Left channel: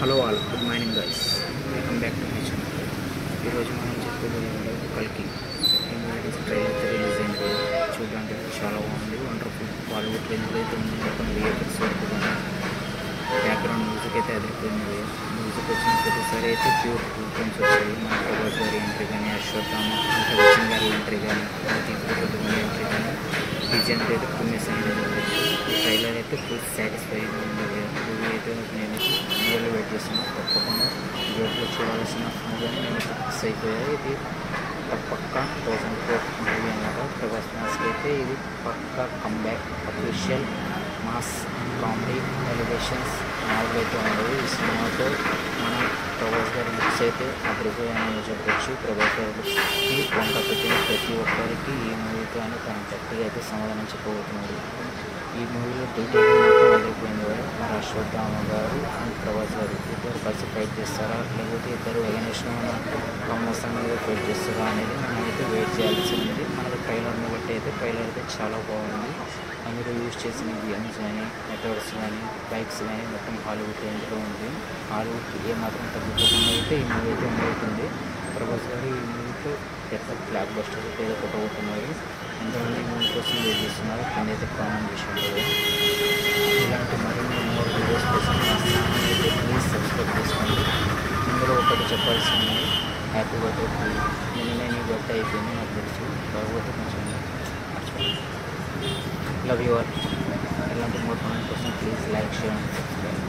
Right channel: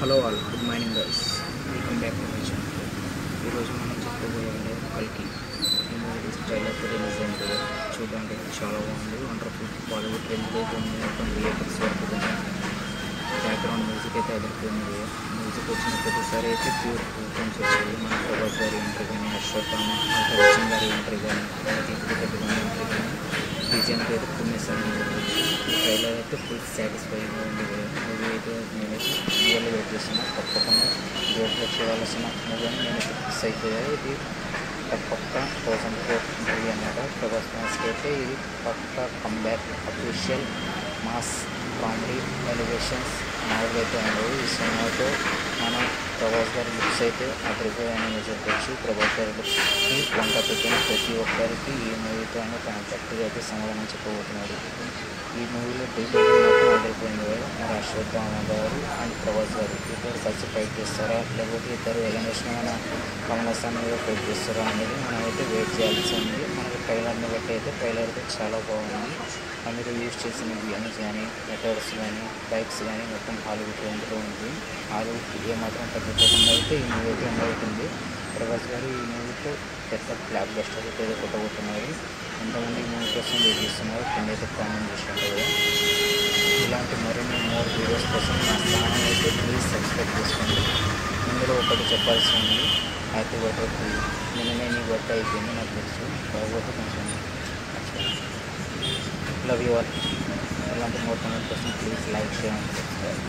Hello all, good morning girls. Welcome back to my channel. ఈరోజు మనం చెప్పుకోబోయే కల్కి ఈ మూవీ ట్రైలర్ రిలీజ్ అయింది. చూడడానికి చాలా బాగుంది, వండర్ఫుల్ బాలీవుడ్ రేంజ్లో అయితే ఉంది. మొత్తం విఎఫ్ఎక్స్ వరకు కానీ బ్యాక్గ్రౌండ్ మ్యూజిక్ అయితే అదిరిపోయింది. మ్యూజిక్ వచ్చిన ప్రతిసారి అయితే ప్యూర్ టోన్స్ వచ్చాయి. మన ప్రభాస్ గారి ఎంట్రీ కానీ, అశ్వత్థామ వచ్చిన గారి ఎంట్రీ కానీ, దీపిక ఎంట్రీ కానీ, డిజైన్ అయితే కుమ్మేసారని చెప్పచ్చు. ఈ ట్రైలర్ అయితే ఫుల్ సాటిస్ఫైగా ఉంది. మూవీ అయితే నేను రియల్గా వెయిట్ చేస్తున్నాను. తప్పకుండా థియేటర్లో చూడాల్సిన మూవీ అని నేను ఫిక్స్ అయిపోయాయి. ఇది పక్క 2004 మూవీ అన్నమాట. ప్రభాస్ మాస్కి అయితే ఇది పక్క comeback, official mass comedy elevations అయితే ఉండవు. ఈ సినిమాతో మన ప్రభాస్ గారి లుక్స్ అయితే అదిరిపోయాయని చెప్పొచ్చు. ప్రభాస్ గారి లుక్స్కి వంట పెట్టిన ప్రతి ఒక్కరికి ఈ మూవీతో ఆయన తన తప్పుగా అయితే సమాధానించబోతున్నాడు. ఈ మూవీలో డీజేలు మాత్రం అదిరిపోయింది కదా. మరి అశ్వత్థామ గారు అండ్ ప్రభాస్ గారు ఇద్దరు కలిసి ఫైట్ చేస్తారా, లేకపోతే ఇద్దరు ఎలిమినేషన్ కాంబినేషన్ మీద ఫైట్ చేస్తారా అనేది మనం అయితే వెయిట్ చేయాల్సి ఉంది. మనకి ట్రైలర్ని బట్టి అయితే ట్రైలర్ అయితే చాలా బాగుంది. అందులో యూజ్ చేసిన గన్స్ కానీ, మెథడ్స్ కానీ, బైక్స్ కానీ మొత్తం హాలీవుడ్ రేంజ్లో ఉంది. హాలీవుడ్ ఏమాత్రం తగ్గిపోకుండా అయితే ఈ మూవీ అయితే అమవుతుంది. ప్రభాస్ గారు ఈ మూవీతో పెద్ద బ్లాక్ బస్టర్ అయితే కొట్టబోతున్నారు. ఎంతమంది ఈ మూవీ కోసం వెయిట్ చేస్తున్నారు కింద అయితే కామెంట్ చేసినట్టు. ఇలాంటి మరిన్ని మోర్ వీడియోస్ కోసం నా ఛానల్ అయితే ప్లీజ్ సబ్స్క్రైబ్ చేసుకోండి. ఇందులో ఒకటి చెప్పాల్సి ఉంది, హ్యాపీ బర్త్డే. నిన్ననే మీ బర్త్డే అయిపోయింది నాకు తెలుసు, కాకపోతే కొంచెం మర్చిపోయింది. Love you all. ఇలాంటి మోర్ కామెంట్ కోసం please like, share and subscribe.